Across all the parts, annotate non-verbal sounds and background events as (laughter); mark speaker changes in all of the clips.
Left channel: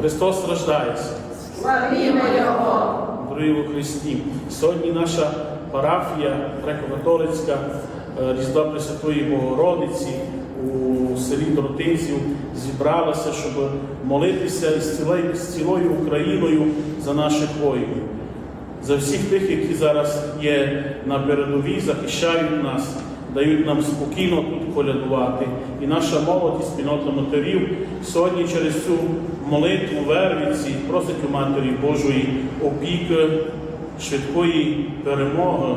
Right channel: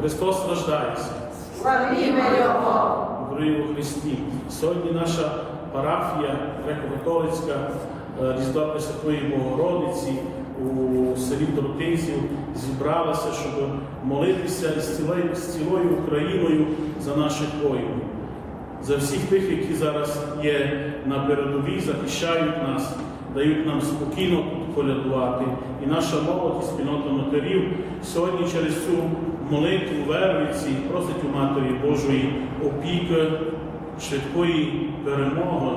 Speaker 1: Христос рождається.
Speaker 2: Славімо Його!
Speaker 1: Дорогі у Христі. Сьогодні наша парафія греко-католицька е, Різдва Пресвятої Богородиці у селі Тротинців зібралася, щоб молитися із цілою, з цілою Україною за наших воїнів, за всіх тих, які зараз є на передовій, захищають нас, дають нам спокійно тут колядувати. І наша молодь, і спільнота матерів сьогодні через цю молитву вервиці просить у Матері Божої опіки, швидкої перемоги,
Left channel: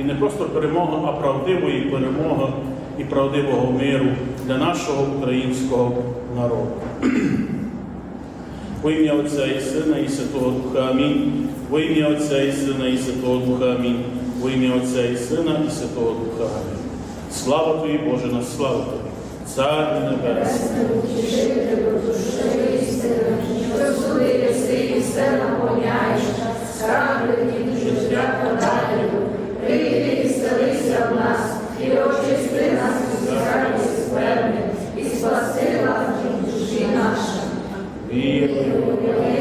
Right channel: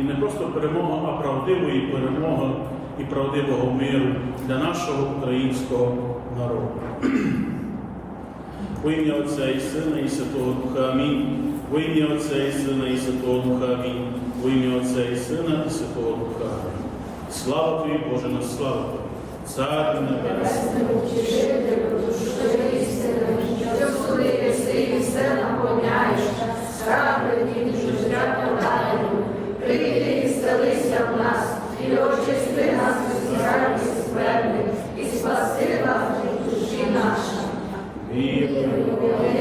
Speaker 1: і не просто перемоги, а правдивої перемоги і правдивого миру для нашого українського народу. (clears throat) Во ім'я Отця і Сина, і Святого Духа Амінь. Во ім'я Отця і Сина, і Святого Духа Амінь. Во ім'я Отця і Сина, і Святого Духа Слава тобі, Боже, на славу тобі. Цар Небесний.
Speaker 2: Прийди і селися в нас, і очисти нас від і скверни, і спаси нас від душі наша.
Speaker 1: Вірую.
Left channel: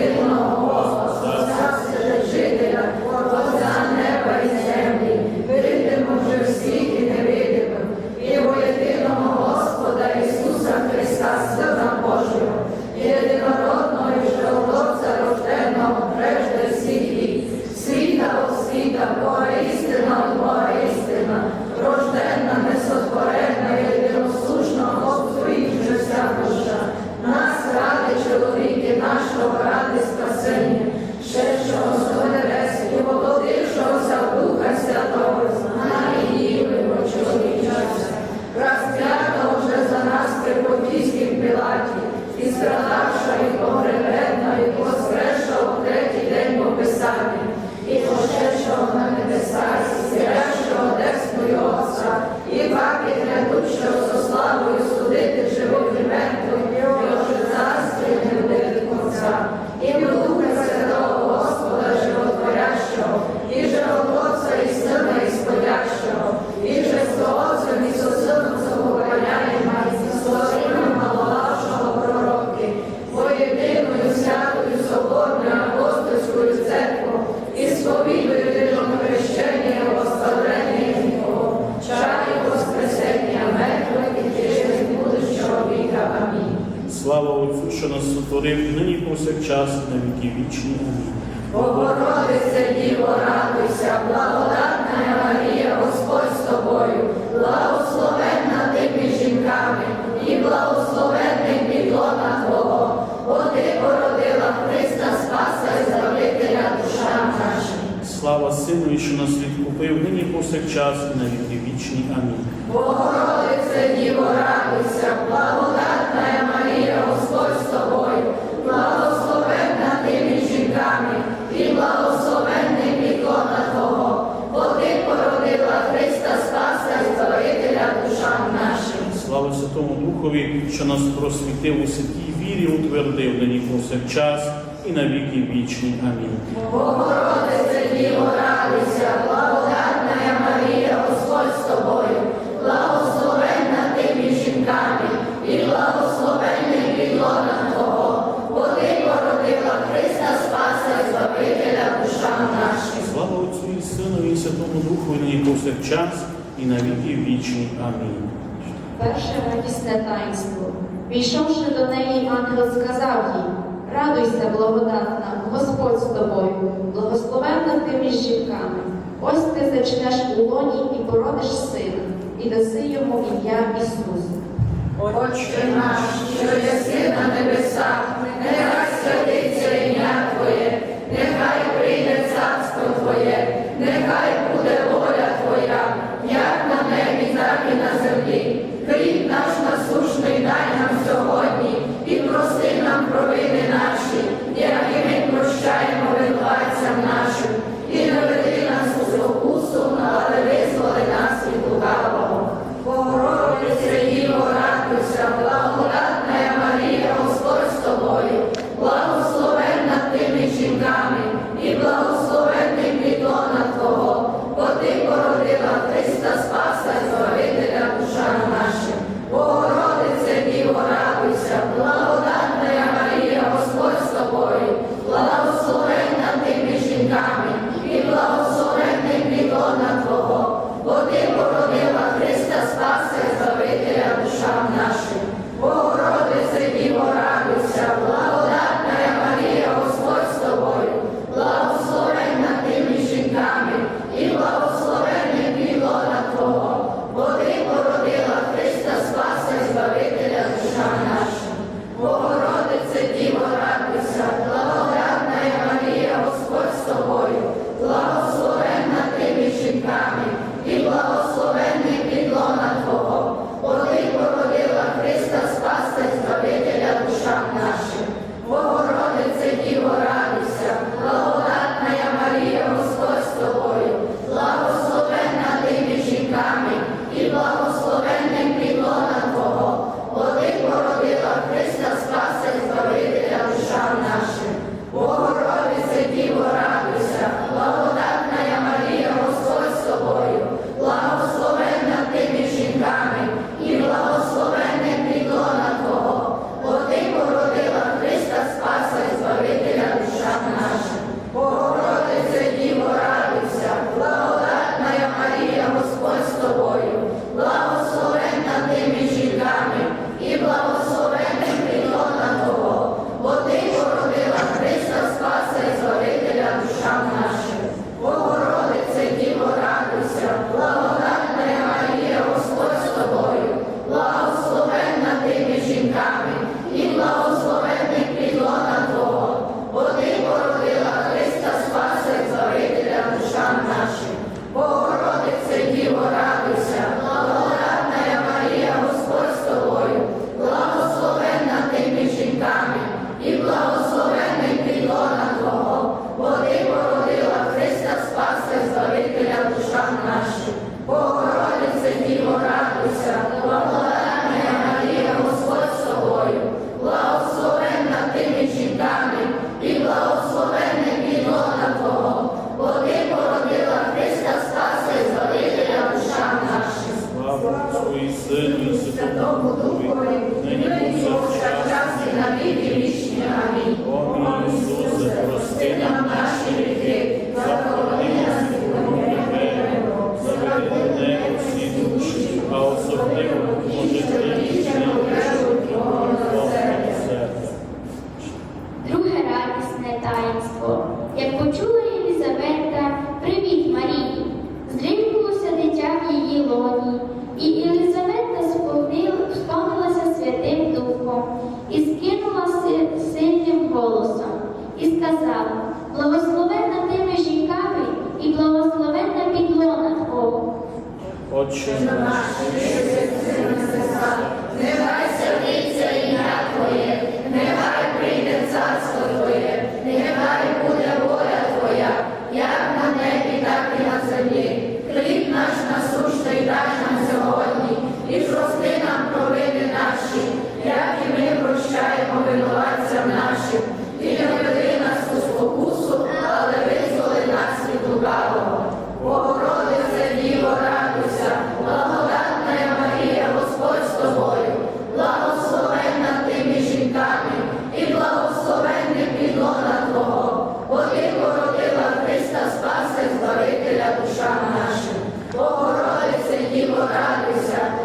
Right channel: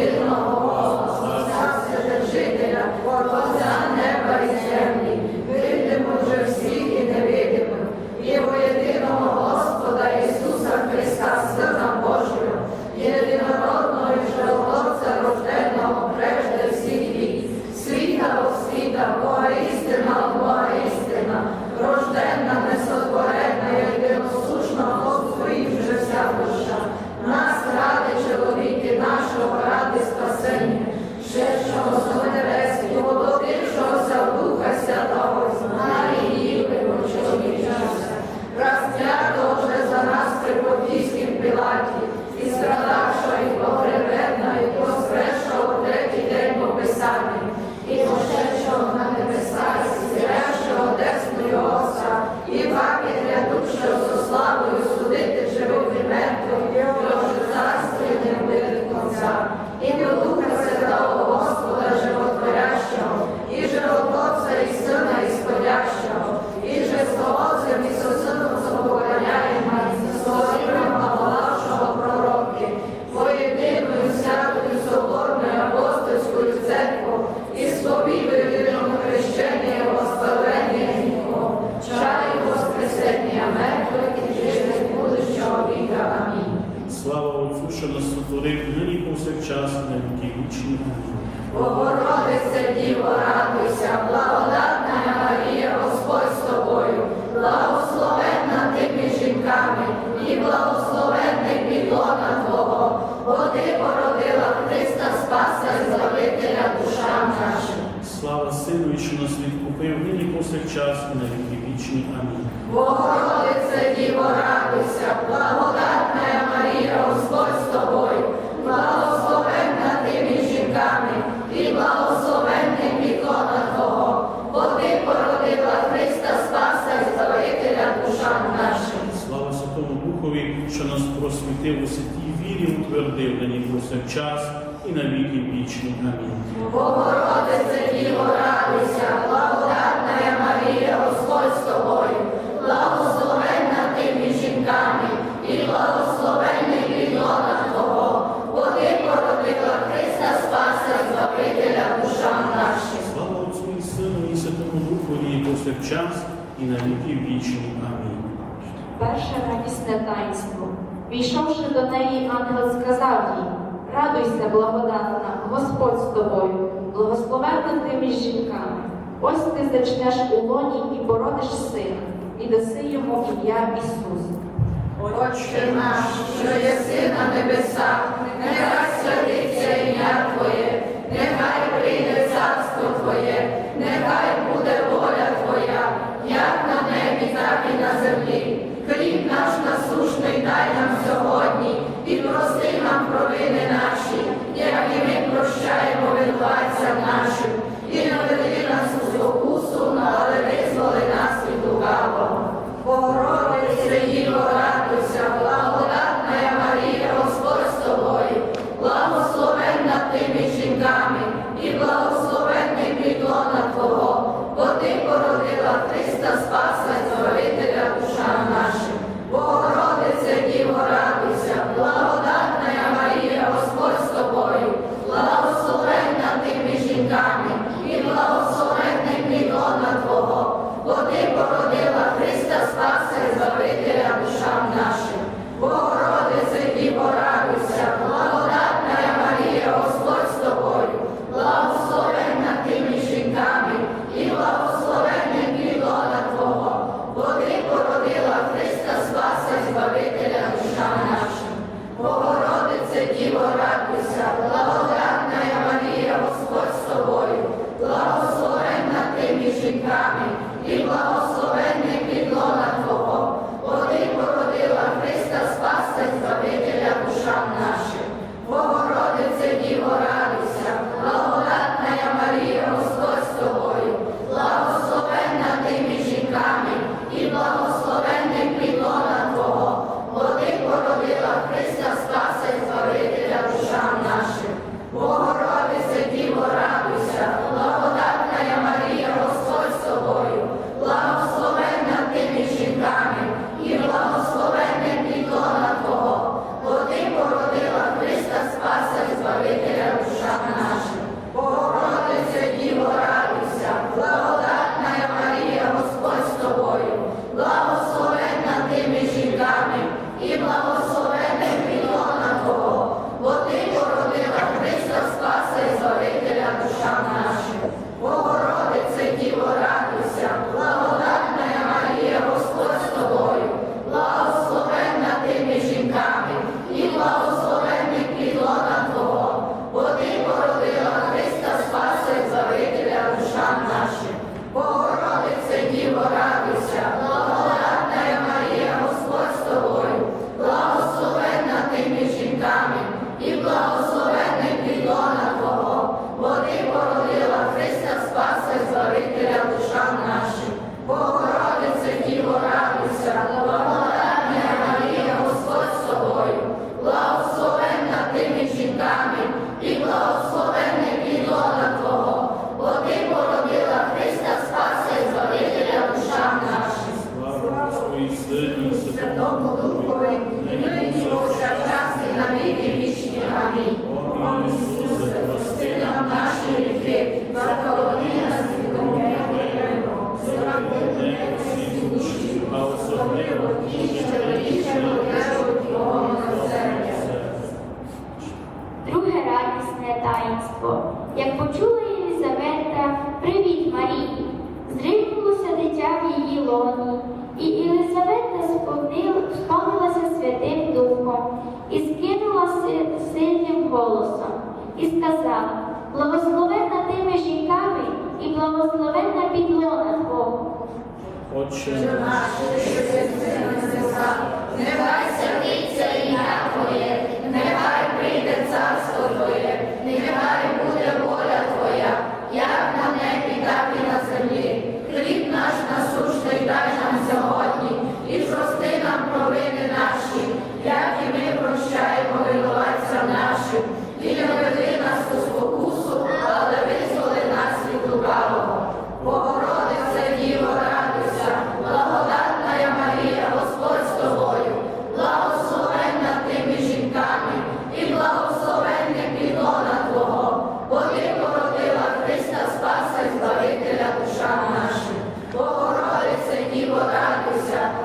Speaker 2: На
Speaker 1: віки
Speaker 2: Богородице, Діво, радуйся, благодатна Марія, Господь з тобою, благословенна ти між жінками, і благословенний підлона Твого, бо ти породила Христа Спаса і Збавителя душам нашим.
Speaker 1: Слава Сину, що нас відкупив нині повсякчас, і на віки вічні. Амінь.
Speaker 2: Богородице, Діво, радуйся, і благословенний підлона Твого, бо ти породила Христа Спаса і Збавителя душам нашим.
Speaker 1: Слава Святому Духові, що нас просвітив у святій вірі, утвердив нині повсякчас, і на віки вічні. Амінь.
Speaker 2: Богородице, Діво, радуйся, благодатна Марія, Господь з тобою, благословенна
Speaker 1: Сину, і Святому Духу, і повсякчас, і на віки вічні. Амінь.
Speaker 3: Перше радісне таїнство. Прийшовши до неї, ангел сказав їй, радуйся, благодатна, Господь з тобою, благословенна ти між жінками. Ось ти зачнеш у лоні і породиш сина, і даси йому ім'я Ісус.
Speaker 2: Отче наш, що єси на небесах, нехай
Speaker 4: দুঃখ
Speaker 1: Отче наш,
Speaker 2: що на Твоє, нехай прийде царство Твоє, нехай Father, the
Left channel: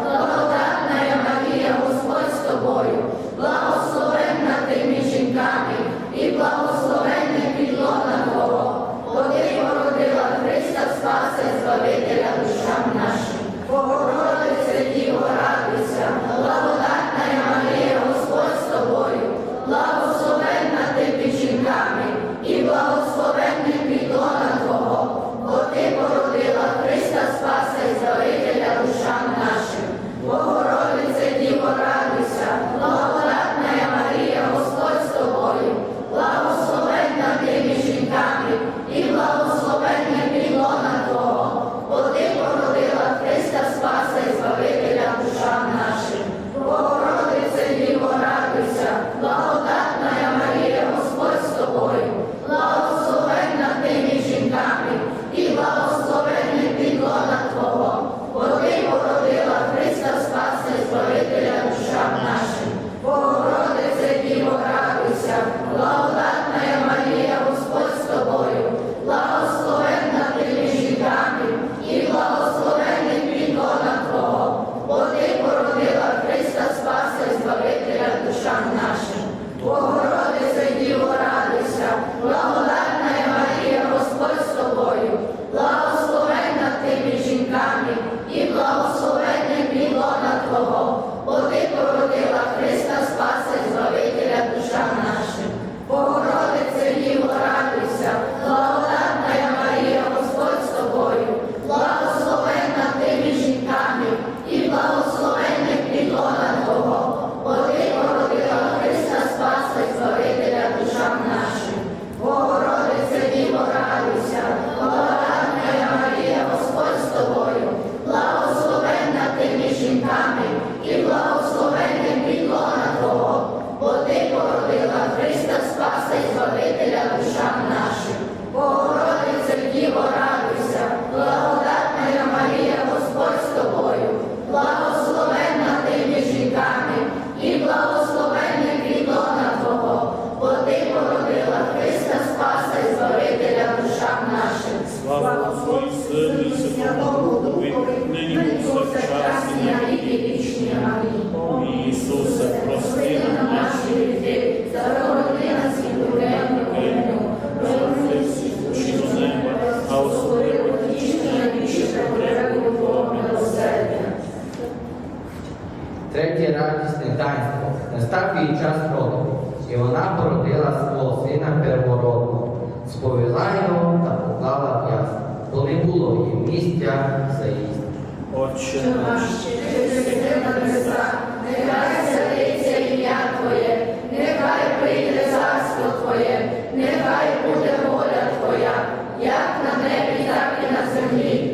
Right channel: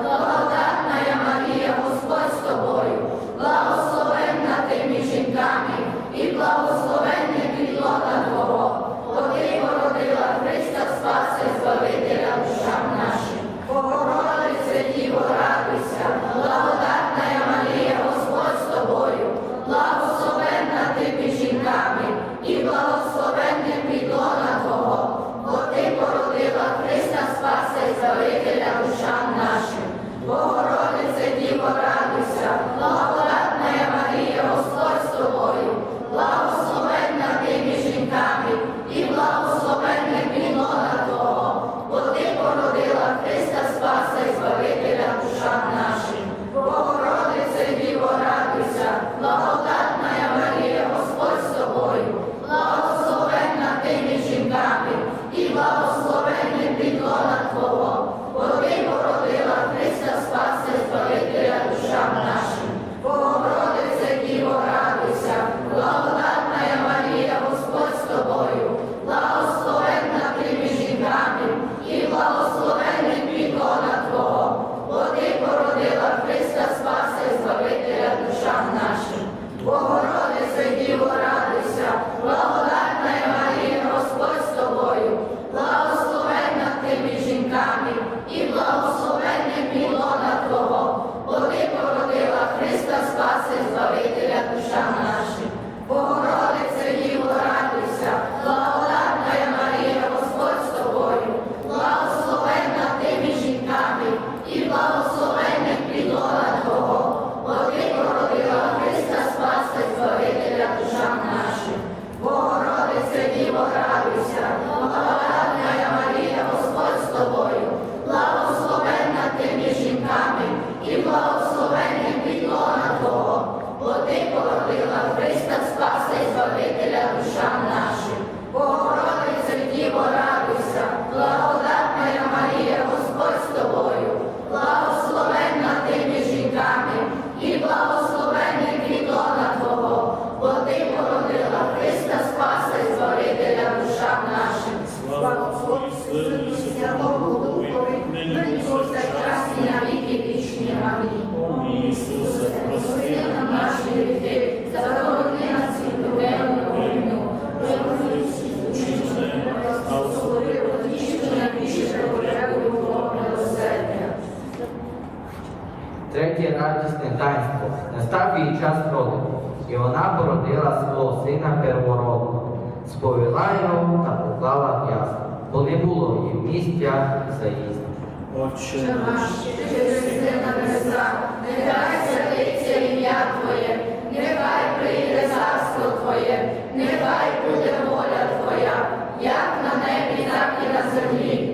Speaker 2: гданського не
Speaker 5: став час роду, і вона породила свого сина первородного, сповіла його та поклала в бо не було їй місця
Speaker 6: за їсти.
Speaker 2: Отче наш, ти на небеса, нехай святиться ім'я Твоє, нехай прийде царство Твоє, нехай буде воля Твоя, як на небі, так і на землі.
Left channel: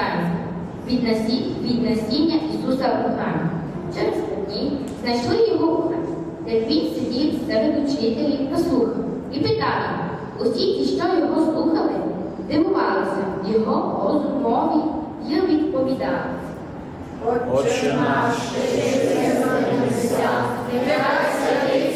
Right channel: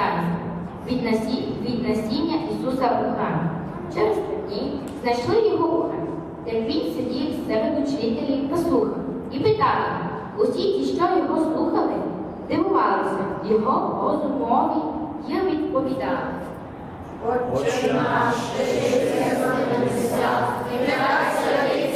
Speaker 2: Зараз від насіння, від
Speaker 3: насіння Ісуса Бога. Через дні знайшли його уха, де він сидів серед учителів послухав і питав усі, ті, що його слухали, дивувалися його розумові і відповідали.
Speaker 2: Отче наш, ти на небесах, нехай святий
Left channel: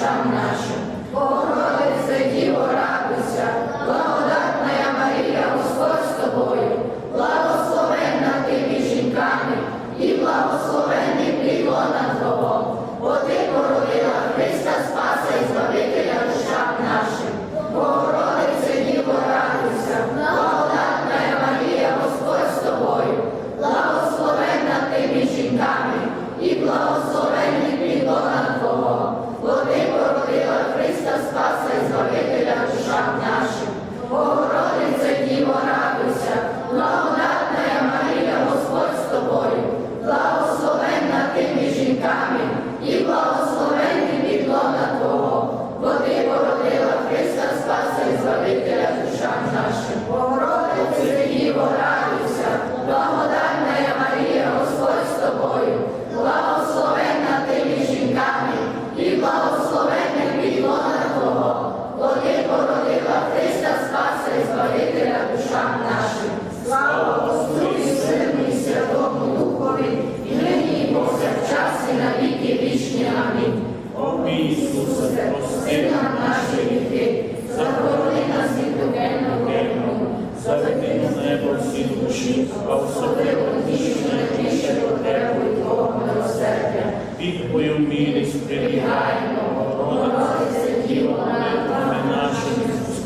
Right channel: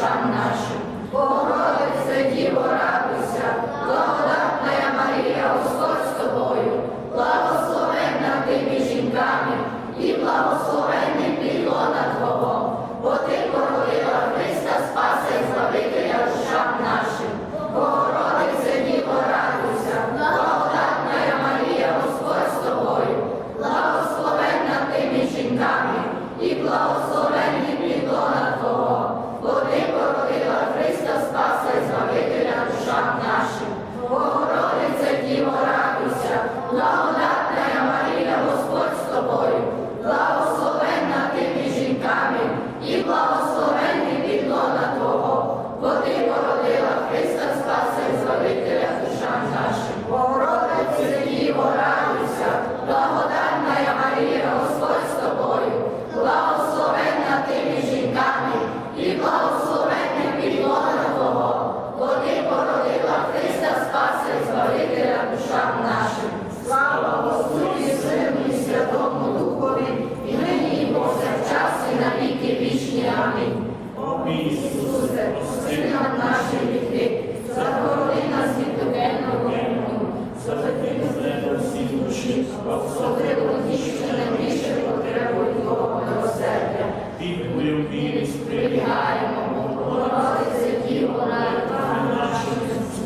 Speaker 2: Shamanashu. Христа, Спаси, Збавителя душам нашим, Богородиці, Діво,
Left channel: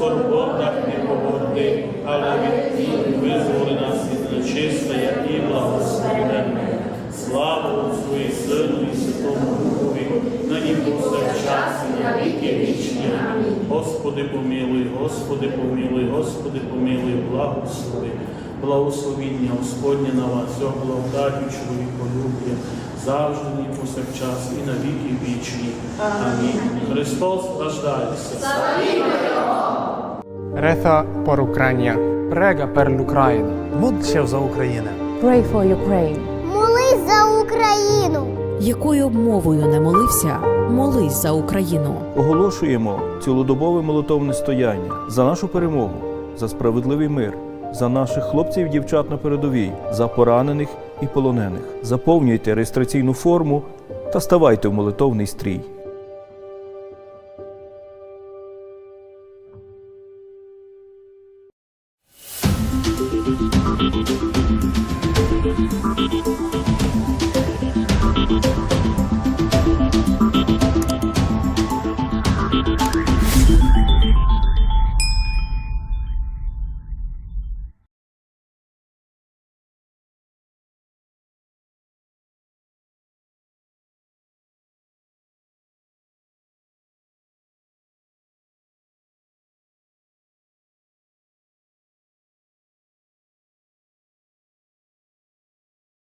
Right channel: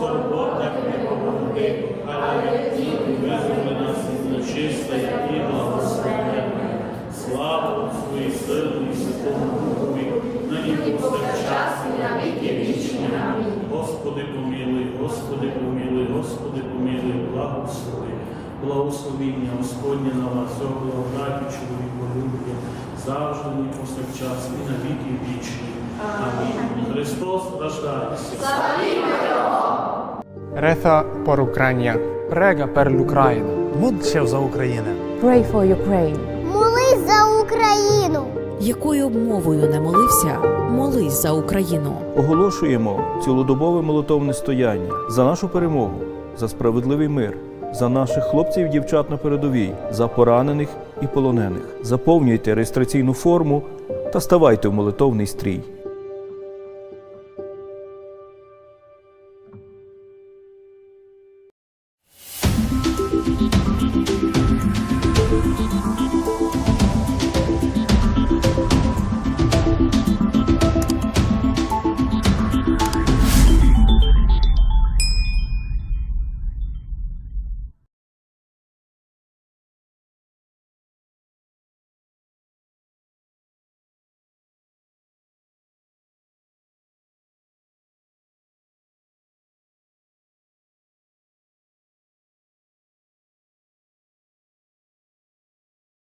Speaker 1: скорботах не погорди, але від визволи нас від нечистої і благословенної. Слава Отцу і Сину і Святому Духові, нині повсякчас і на віки вічні. Амінь. Господи помилуй, Господи помилуй, Господи помилуй, благослови. Благословіння Господнє на вас, благодаті чоловіколюбія, завжди і повсякчас і на віки вічні. Амінь. Христос рождається.
Speaker 7: Reza por Ucrania. Prega per l'Ucraina.
Speaker 8: Módl за Україну.
Speaker 9: Pray for Ukraine.
Speaker 10: Молись за Україну!
Speaker 11: Якою б мовою не молився, молись за Україну.
Speaker 12: Оголошуємо цілодобове молитовне стояння за нашу перемогу, за справедливий мир, за наших хлопців і дівчат на передовій, за поранених і полонених. Заповнюйте реєстраційну форму та ставайте в молитовний стрій.